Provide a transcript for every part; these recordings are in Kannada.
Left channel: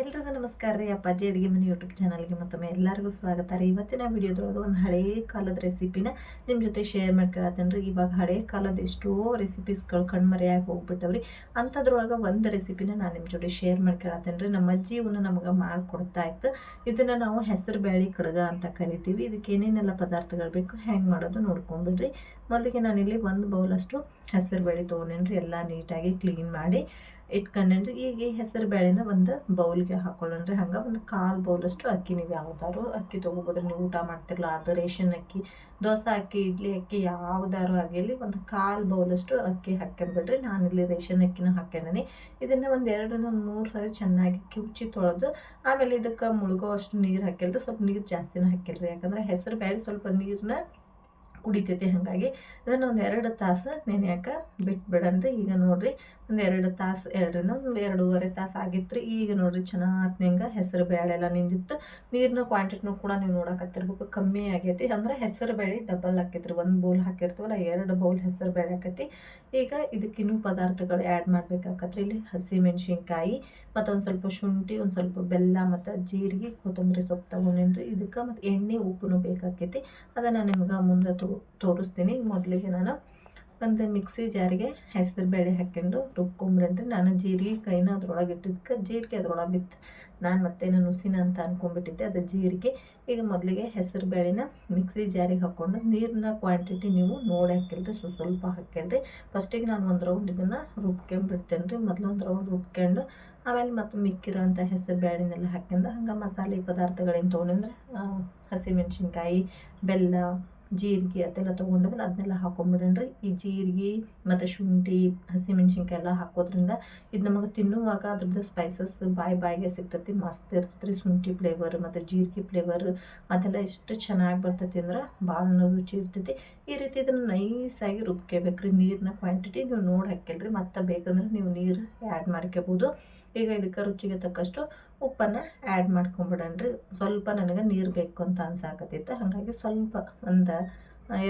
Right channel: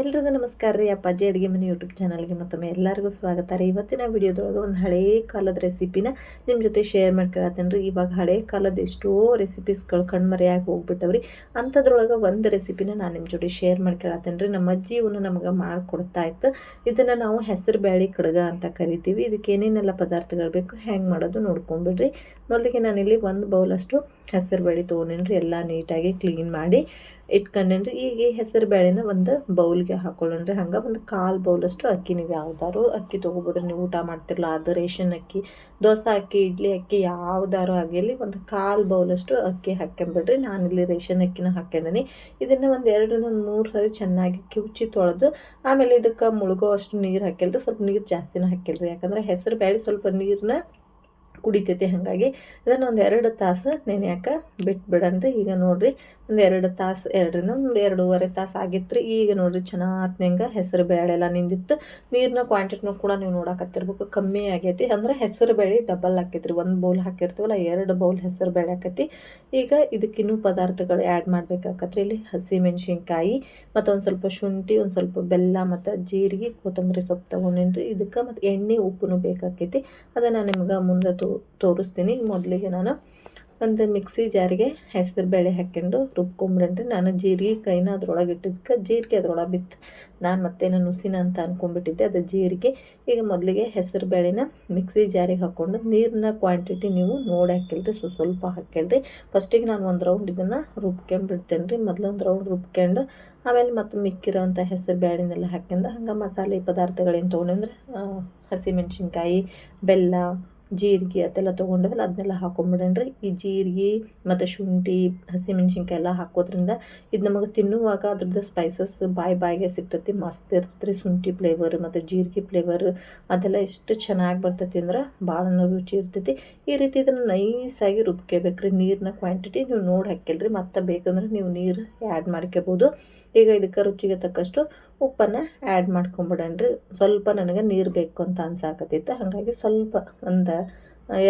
ಎಲ್ರಿಗೂ ನಮಸ್ಕಾರ ರೀ. ಅಪ್ಪಾಜಿ ಅಡುಗೆ ಮನೆ ಯೂಟ್ಯೂಬ್ ಚಾನಲ್ಗೆ ಮತ್ತೊಮ್ಮೆ ಎಲ್ಲರಿಗೂ ಸ್ವಾಗತ ರೀ. ಇವತ್ತಿನ ವಿಡಿಯೋದೊಳಗೆ ಒಂದು ಹಳೇ ಕಾಲದ ರೆಸಿಪಿನ ನಿಮ್ಮ ಜೊತೆ ಶೇರ್ ಮಾಡ್ಕೊಳತ್ತೇನೆ ರೀ. ಇವಾಗ ಹಳೇ ಕಾಲದ ಎಷ್ಟೋ ರೆಸಿಪೀಸ್ಗಳು ಕಣ್ಮರೆಯಾಗಿ ಹೋಗ್ಬಿಟ್ಟವ್ರಿ. ಅಂಥದ್ರೊಳಗೆ ಒಂದು ರೆಸಿಪಿನ ನಾನು ನಿಮ್ಮ ಜೊತೆ ಶೇರ್ ಮಾಡ್ಕೊಳತ್ತೇನೆ ರೀ. ನಮ್ಮ ಅಜ್ಜಿ ಇವನ್ನ ನಮಗೆ ಮಾಡಿಕೊಡ್ತಾ ಇತ್ತು. ಇದನ್ನು ನಾವು ಹೆಸರು ಬ್ಯಾಳಿ ಕಡಗ ಅಂತ ಕರಿತೀವಿ. ಇದಕ್ಕೆ ಏನೇನೆಲ್ಲ ಪದಾರ್ಥಗಳು ಬೇಕು ಹೆಂಗೆ ಮಾಡೋದು ನೋಡ್ಕೊಂಬಿಡ್ರಿ. ಮೊದಲಿಗೆ ನಾನಿಲ್ಲಿ ಒಂದು ಬೌಲಷ್ಟು ಹೆಸರು ಬೇಳೆ ತೊಗೊಂಡೇನಿ ಎಲ್ಲ ನೀಟಾಗಿ ಕ್ಲೀನ್ ಮಾಡಿ. ಇಟ್ಕೊಂಡೇನ್ರಿ. ಈಗ ಈ ಹೆಸರು ಬೇಳೆನ ಒಂದು ಬೌಲ್ಗೆ ಹಾಕೊಳ್ಳೋಣ್ರಿ. ಹಂಗೆ ಒಂದು ಕಾಲು ಬೌಲಷ್ಟು ಅಕ್ಕಿ ನೀವು ಯಾವ್ದಾರು ಅಕ್ಕಿ ತೊಗೋಬೋದ್ರಿ. ನೀವು ಊಟ ಮಾಡ್ತಿರಲ್ಲ ಅದು ರೇಷನ್ ಅಕ್ಕಿ, ದೋಸೆ ಅಕ್ಕಿ, ಇಡ್ಲಿ ಅಕ್ಕಿ, ಯಾವ್ದಾರು ಆಗಿರಲಿ ಒಂದು ಕಾಲು ಬೌಲಷ್ಟು ಅಕ್ಕಿ ಹಾಕ್ಕೊಂಬಿಡ್ರಿ ಇಲ್ಲಿ ರೇಷನ್ ಅಕ್ಕಿನ ಹಾಕ್ಕೊಂಡಿನಿ ಇದನ್ನು ಒಂದು ಎರಡರಿಂದ ಒಂದು ಮೂರು ಸಾರಿ ಚೆನ್ನಾಗಿ ಕಿವುಚಿ ತೊಳೆದು, ಆಮೇಲೆ ಇದಕ್ಕೆ ಮುಳುಗೋ ಅಷ್ಟು ನೀರು ಹಾಕಿಲ್ರಿ ಸ್ವಲ್ಪ ನೀರು ಜಾಸ್ತಿನೂ ಹಾಕಿಲ್ರಿ ಯಾಕಂದ್ರೆ ಹೆಸರು ಬೇಳೆ ಸ್ವಲ್ಪ ನೀರನ್ನ ಕುಡಿತೈತಿ. ಹಾಗಾಗಿ ಇದನ್ನು ಒಂದು ಎರಡು ತಾಸು ನೆನೆಯಾಕ ಬಿಟ್ಬಿಡನ್ರಿ. ಈಗ ನೋಡಿರಿ ಒಂದು ಎರಡು ತಾಸು, ಎರಡರಿಂದ ಒಂದು ಎರಡೂವರೆ ತಾಸು ಆಗಿತ್ತು ರೀ ಈಗ ನೋಡಿರಿ ಚೆನ್ನಾತ್ನಂಗೆ ಹೆಸರು ಬೇಳೆ ಎಲ್ಲ ನಿಂದಿತ್ತು. ನೀರಿನ ಕ್ವಾಂಟಿಟಿನೂ ಕೂಡ ನೀವು ನೋಡಕತ್ತಿರ್ಬೇಕು ಕಮ್ಮಿ ಆಗೈತಿ. ಅಂದ್ರೆ ಹೆಸರು ಬೇಳೆ ಡಬಲ್ ಹಾಕೈತ್ರಿ ಒಂದು ಬೌಲ್ ಹಾಕಿರ್ತೀವಲ್ಲ, ಎರಡು ಬೌಲ್ ಹೆಸರು ಬೇಳೆ ಈಗ ಇದಕ್ಕಿನ್ನೂ ಪದಾರ್ಥಗಳು ಆ್ಯಡ್ ಮಾಡ್ಬೇಕಾಕತ್ರಿ. ಇಲ್ಲಿ ಹಸಿ ಮೆಣಸಿನ್ಕಾಯಿ, ಮತ್ತು ಒಂದು ಸ್ವಲ್ಪ ಶುಂಠಿ, ಒಂದು ಸ್ವಲ್ಪ ಬೆಲ್ಲ, ಮತ್ತು ಜೀರಿಗೆ, ಕೊತ್ತಂಬರಿ ಸೊಪ್ಪು ತೊಗೊಂಡಿನ್ರಿ. ಇದಕ್ಕೆ ಮತ್ತು ಎಣ್ಣೆ ಉಪ್ಪು ಬೇಕಾಕೈತಿ. ಅದನ್ನು ನಿಮ್ಗೆ ಮುಂದೆ ತೋರಿಸ್ತೀನಿ. ಮೊದಲಿಗೆ ನಾನು ಒಂದು ಮಿಕ್ಸಿ ಜಾರಿಗೆ ಹೆಸರು ಬೇಳೆ ಹಾಕ್ಕೊಂಡು ರುಬ್ಕೊಂಬಿಡ್ರಿ ನಾನು ಜೀರಿಗೆ ಕೈನ ಅದ್ರೊಳಗೆ ಇಟ್ಟಿದ್ದಕ್ಕೆ ಜೀರಿಗೆ ಅದ್ರೊಳಗೆ ಬಿತ್ತು ನಾನು ಮತ್ತೆ ನಾನು ನುಸಿನ ಅಂತ ಅಂದ್ಕೊಂಡ್ಬಿಟ್ಟಿದ್ದೆ ಅದು ಜೀರಿಗೆ. ಈಗ ಮೊದಲಿಗೆ ಹೆಸರು ಬೇಳೆನ ಮಿಕ್ಸಿ ಜಾರಿಗೆ ಹಾಕ್ಕೊಂಡು ನೀರಿನ ಕ್ವಾಂಟಿಟಿ ನೀವು ನೋಡಿ ಹಾಕಿಲ್ರಿ ಸ್ವಲ್ಪ ಸ್ವಲ್ಪ ಹಾಕಿಲ್ರಿ ಫಸ್ಟಿಗೆ ನಾನು ಒಂದು ರೌಂಡ್ ಇದನ್ನು ರುಬ್ಕೊಂಬಿಡ್ತೇನೆ ರೀ ಮೊದಲು ಒಂದು ರೌಂಡ್ ರುಬ್ಕೊಂಡು ಆಮೇಲೆ ಮತ್ತು ಮಿಕ್ಕಿರೋ ಅಂಥ ಹೆಸರು ಬೇಳೆನೆಲ್ಲ ಹಾಕ್ಯಂಡು ಹಂಗೆ ಮಸಾಲೆ ಪದಾರ್ಥಗಳೇನು ತೊಗೊಂಡಂದ್ರೆ ಹಸಿಮೆಣ್ಸಿನ್ಕಾಯಿ, ಬೆಲ್ಲ ಜೀರಿಗೆ ಅದೆಲ್ಲ ತೊಗೊಂಡವಲ್ಲ ಅದನ್ನೆಲ್ಲ ಹಾಕೊಂಬಿಡಣ್ರಿ. ಈ ಜೀರಿಗೆ ಮತ್ತು ಶುಂಠಿ ಹಸಿಮೆಣ್ಸಿನ್ಕಾಯಿ ಎಲ್ಲ ಹಾಕೋದ್ರಿಂದ ಇದು ನಮಗೆ ತಿನ್ನುವಾಗ ಅದ್ರದ್ದು ಸ್ಪೈಸಸ್ ಬಾಯಿ ಬಾಯಿಗೆ ಸಿಗ್ತೈತಿ, ಮಸ್ತ್ ಇರ್ತೈತಿ ಶುಂಠಿ ಫ್ಲೇವರ್ ಮತ್ತು ಜೀರಿಗೆ ಫ್ಲೇವರ್ ಅದೆಲ್ಲ ಎಷ್ಟು ಚೆನ್ನಾಗಿ ಬರ್ತೈತಿ ಅಂದ್ರೆ ಭಾಳ ರುಚಿ ಇರ್ತೈತಿ. ಈ ರೀತಿ ಇದನ್ನು ನೈಸಾಗಿ ರುಬ್ಕೋಬೇಕ್ರಿ. ನೀರಿನ ಕ್ವಾಂಟಿಟಿ ನೀವು ನೋಡಿ ಹಾಕಿಲ್ರಿ ಮತ್ತು ಬೇಕಂದ್ರೆ ನೀವು ನೀರು ಆ್ಯಡ್ ಮಾಡ್ಕೋಬೋದು ಈಗ ಇದಕ್ಕೆ ರುಚಿಗೆ ತಕ್ಕಷ್ಟು ಉಪ್ಪನ್ನು ಆ್ಯಡ್ ಮಾಡ್ಕೊಂಬಿಡಣ್ರಿ. ಸ್ವಲ್ಪ ನನಗೆ ನೀರು ಬೇಕು ಅಂತ ಅನ್ಸಾಕತ್ತಿತ್ತು ಹಾಗಾಗಿ ಸ್ವಲ್ಪ ಒಂದು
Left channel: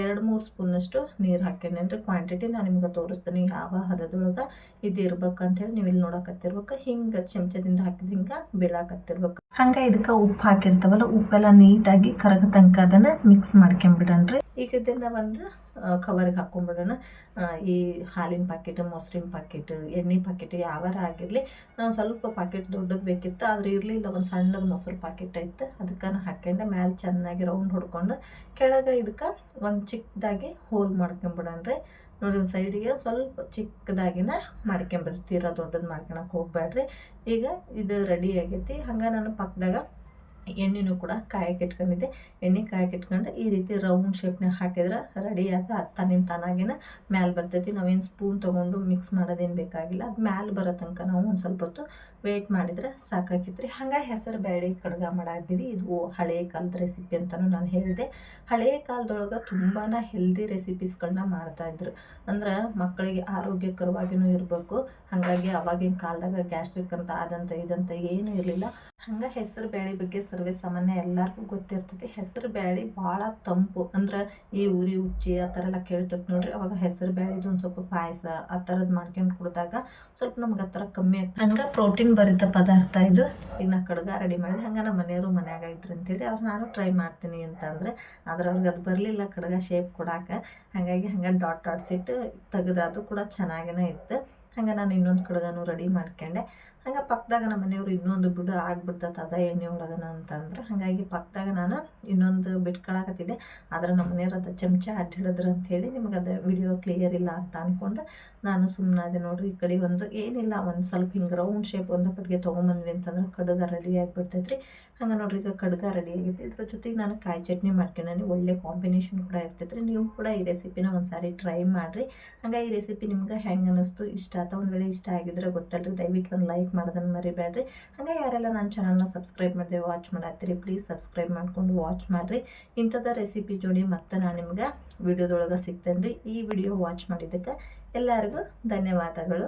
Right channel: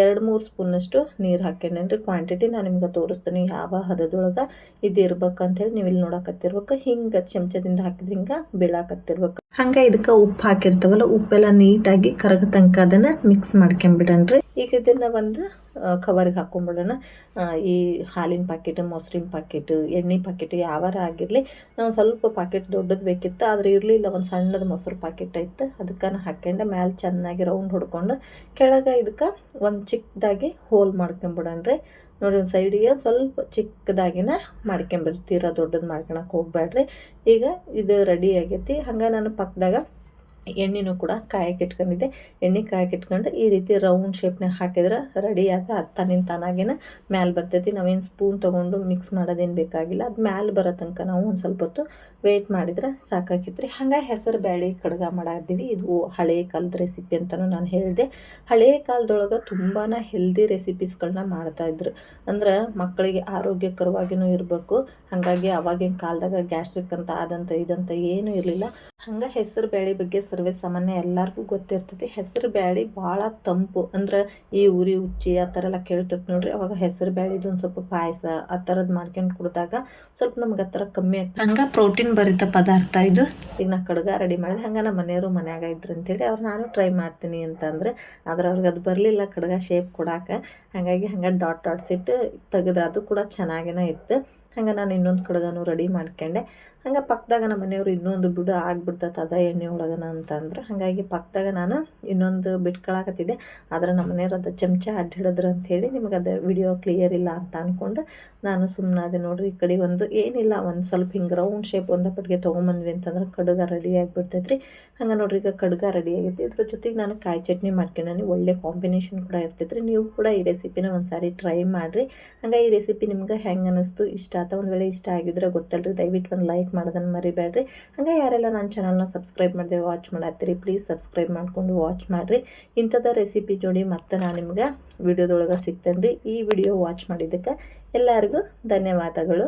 ಎರಡು, ಮೂರು ಸ್ಪೂನಷ್ಟು ನೀರು ಹಾಕ್ಯಂಡ್ರಿ ಕ್ವಾಂಟಿಟಿ ನಾನು ನಿಮ್ಗೆ ತೋರಿಸ್ತೀನಿ ಯಾವ ಹದದೊಳಗೆ ಇದು ಹೇಳಿ ನೀವು ಇಲ್ಲಿ ನೋಡಕತ್ತಿರ್ಬೇಕು. ಹಿಂಗೆ ಚಮಚದಿಂದ ಹಾಕಿದ್ರೆ ಹಿಂಗೆ ಬೀಳಾಕತ್ತಿರ್ಬೇಕು. ಹಂಗೆ ಇದಕ್ಕೆ ಉಪ್ಪು ಹಾಕಿರ್ತಾವಲ್ಲ, ಉಪ್ಪೆಲ್ಲ ನೀಟಾಗಿ ಕರಗ ತನಕ ಅದನ್ನು ಮಿಕ್ಸ್ ಮಾಡ್ಕೊಂಬಿಡಣ್ರಿ. ಈಗ ಇದನ್ನು ಒಂದು ಕವರ್ಗೆ ಹಾಕೊಂಡ್ಬಿಡೋಣ ಈ ಹಾಲಿನ ಪ್ಯಾಕೆಟ್ ಮೊಸರಿನ ಪ್ಯಾಕೆಟ್ ಎಣ್ಣೆ ಪ್ಯಾಕೆಟ್ ಯಾವಾರ ಆಗಿರಲಿ ಸ್ವಲ್ಪ ಪ್ಯಾಕೆಟ್ ದೊಡ್ಡದು ಬೇಕಿತ್ತು, ಆದರೆ ಇರಲಿಲ್ಲ, ಒಂದು ಸಣ್ಣದು ಮೊಸರು ಪ್ಯಾಕೆಟ್ ಇತ್ತು. ಅದಕ್ಕೆ ಹಾಕ್ಯಂಡೆ, ಮ್ಯಾಲೆ ಚೆನ್ನಾಗಿ ರೌಂಡ್ ಹೊಡ್ಕೊಂಡು, ಕೆಳಗೆ ಇದಕ್ಕೆ ಒಂದು ಚಿಕ್ಕದಾಗಿ ಹೋಲ್ ಮಾಡ್ಕೊಂಬಿಡೋಣ್ರಿ. ನೋಡಿ, ಒಂದು ಸೈಡಿಗೆ ಸ್ವಲ್ಪ ಚಿಕ್ಕದಾಗಿನ ಮಾಡ್ಕೊಂಬಿಡ್ತೀರ ತೀರಾ ದೊಡ್ಡದು ಮಾಡ್ಕೊಳಕ್ಕೆ ಹೋಗ್ಬೇಡ್ರಿ ಈಗ ಇದು ರೆಡಿ ಆಗೈತಿ. ಹಂಗೆ ನಾನು ಪಕ್ಕದಾಗ ಎಣ್ಣೆನೂ ಕೂಡ ಕಾಯಕ್ಕೆ ಇಟ್ಕೊಂಡಿದ್ದೆ. ಎಣ್ಣೆ ಕಾಯಕ್ಕೆ ಇಟ್ಕೊಂಡು ಈ ರೀತಿ ರೌಂಡ್ ಶೇಪ್ನಾಗ ಹಾಕಿದ್ರೆ ರೆಡಿ ಆತ, ಅದು ತನ್ನಿಂದ ತಾನಾಗೇನ ಮ್ಯಾಲೆ ಬರ್ತೈತಿ. ನಾವೇನು ಸ್ಪೂನ್ ತೊಗೊಂಡು ಮಿಕ್ಸ್ ಮಾಡೋದೇನು ಬೇಕಾಗಿಲ್ಲ. ಅದು ಮ್ಯಾಲೆ ಬರೋ ತನಕ ನಾವು ಒಂದು ಸ್ವಲ್ಪ ಹೊತ್ತು ವೆಯ್ಟ್ ಮಾಡಿದ್ರೆ ಸಾಕಾಗಿತ್ತು ರೀ ಹಂಗೆ ಹೆಸರು ಬ್ಯಾಳಿ ಕಡ್ಗ ಮಾಡಿದ್ದೀವಿ ಇದು ಹಳೆ ಕಾಲದ ರೆಸಿಪಿ ಅಂತಲೂ ನಾನು ಹೇಳಿದೆ. ಹಳೆ ಕಾಲದೊಳಗೆ ತುಂಬಾ ಹೆಲ್ದಿ ರೆಸಿಪೀಸ್ಗಳನ್ನ ಮಾಡ್ತಾಯಿದ್ರು ಅಂದ್ರೆ ಮಕ್ಕಳಿಗೆ ಆರೋಗ್ಯಕರವಾಗಿಯೂ ಇರಬೇಕು. ಹಾಗಾಗಿ ಅವಾಗಿನ ಕಾಲದಾಗ ಗ್ಯಾಸ್ಟ್ರಿಕ್ ಅಂತ ಆದಂತ ಇದಂತ ಏನೂ ಇರಲಿಲ್ಲ. ಹಂಗೆ ಹೆಸರು ಬ್ಯಾಳಿ ಬಗ್ಗೆ ಸರ್ವೇ ಸಾಮಾನ್ಯ ಎಲ್ಲರಿಗೂ ಗೊತ್ತಿರ್ತೈತಿ. ಹೆಸರು ಬ್ಯಾಳಿ ಭಾಳ ತಂಪು. ಅಂದ್ರೆ ಈ ಉರಿ, ಉಚ್ಚಿ ಆ ಥರ ಎಲ್ಲ ಕೇಳ್ತಿರ್ತಿ ನೋಡ್ರಿ. ಅವಾಗ ಹೆಸರು ಬ್ಯಾಳಿದು ಒಂದು ಸ್ವಲ್ಪ ಪಾಯಸ ಆ ಥರದ್ದು ಮಾಡ್ಕೊಂಡು ಕುಡಿದಾಗ ಸ್ವಲ್ಪ ನಮ್ಗೆ ಆ ಥರ ಕಮ್ಮಿ ಆಗ್ತದೆ ಹಂಗೆ ಪ್ರೋಟೀನ್ ಭರಿತ ಪದಾರ್ಥ ಇದು? ಇನ್ನು ಕಡ್ಗ ರೆಡಿ ಮಾಡಿದೆ. ಹಂಗೆ ನಮ್ಮ ಮನೆಯವರು ಮನ್ಯಾಗ ಇದ್ರು ಅಂತೇಳಿ ಅವ್ರು ನಾನು ಟ್ರೈ ಮಾಡ್ತೀನಿ ಅಂತಂದ್ರೆ ಆದ್ರೆ ಅವ್ರಿಗೆ ಅದು ಬರಲಿಲ್ಲ ಕಡ್ಗ ಶೇಪ್ ಕೊಡಾಕ. ಹಾಗಾಗಿ ಹಂಗೆ ಡಾಟ್ ಡಾಟ್ಸ್ ಇಟ್ಟು ತೆಗೆದ್ರೆ ಅದು ಕೂಡ ಚೆನ್ನಾಗೇ ಇತ್ತು. ಹಂಗೆ ನಾನು ಇನ್ನೊಂದು ಕಡ್ಗನೂ ರೆಡಿ ಮಾಡ್ಕೊಂಡೆ. ಹಂಗೆ ಪಕ್ಕದಾಗ ನಮ್ಮ ಮನೆಯವರು ಇನ್ನೊಂದು ಬಿಡು ಆಗ್ಬಿಡ್ತೈತೆ ಅದ ಎಣ್ಣೆ ಒಳಗನ ಅಂತಂದ್ರೆ, ಹಾಗಾಗಿ ಪಕ್ಕದಾಗ ನಾನು ಇನ್ನೊಂದು ಬಿಟ್ಕೊಳಕತ್ತಿದ್ದೆ. ಆದ್ರೆ ನಮ್ಮ ಮನೆಯವ್ರು ಅದು ಚಮಚ ಅಡ್ಡ ಹಿಡಿದ್ರು ಅಂಥೇಳಿ ನಿಮಗೆ ಅದು ವಿಡಿಯೋ ಕ್ಲಿಯರ್ ಇಲ್ಲ ಅಂತ ಅಂದ್ಕೊಂಡು ನಾನು ಸುಮ್ಮನೆ ಅದೇ ನೋಡ್ರಿ ಈ ಕಡೆ ಒಂದು ಏನಿಲ್ಲ ಒಂದು ಸ್ವಲ್ಪ ಹಿಂಗೆ ರೌಂಡ್ ಶೇಪ್ ಒಂದು ಪಟ್ಟಿಗೆ ತೊಗೊಂಬಂದ್ವಿ ಅಂತಂದ್ರೆ ಕಡುಗ ರೆಡಿ ಆಗಿಬಿಡ್ತೈತೆ ರೀ ಹಂಗೆ ನೋಡ್ರಿ ಈಗ ಕಡ್ಗ ರೆಡಿ ಆಗೈತಿ. ಇದ್ರ ಜೊತೆಗೆ ನಾನು ಕಾಯಿ ಚಟ್ನಿ ಮಾಡ್ಕೊಂಡಾನೆ ಒಳ್ಳೆ ಕಾಂಬಿನೇಷನ್ ಕೂಡ ಇರ್ತೈತೆ ರೀ ನೀವು ಕೂಡ ಈ ರೆಸಿಪಿನ ಒಂದು ಸಾರಿ ಟ್ರೈ ಮಾಡಿರಿ. ಹಂಗೆ ಈ ರೆಸಿಪಿ ನಿಮ್ಗೆ ಹೆಂಗೆ ಅನ್ನಿಸ್ತು ಇಷ್ಟ ಆತ ಒಂದು ವೇಳೆ ಇಷ್ಟ ಆಗಿದ್ರೆ ಗೊತ್ತಲ್ರಿ. ದಯವಿಟ್ಟು ಒಂದು ಲೈಕ್ ಮಾಡೋದನ್ನು ಮರಿಬೇಡ್ರಿ. ಹಾಗೆ ಯಾರೆಲ್ಲ ನನ್ನ ಚಾನಲ್ನ ಸಬ್ಸ್ಕ್ರೈಬ್ ಮಾಡಿದೆ ವಾಚ್ ಮಾಡತ್ತೀರಿ ಪ್ಲೀಸ್ ಸಬ್ಸ್ಕ್ರೈಬ್ ಮಾಡಿಕೊಂಡು ವಾಚ್ ಮಾಡಿರಿ. ಇಂಥದ ರೆಸಿಪಿ ಜೋಡಿ ಮತ್ತೆ ನಾನು ನಿಮ್ಗೆ ವಿಡಿಯೋದೊಳಗೆ ಸಿಗ್ತೇನೆ ರೀ ಈ ವಿಡಿಯೋ ವಾಚ್ ಮಾಡಿದ್ದಕ್ಕೆ ಎಲ್ಲರಿಗೂ ಧನ್ಯವಾದಗಳು.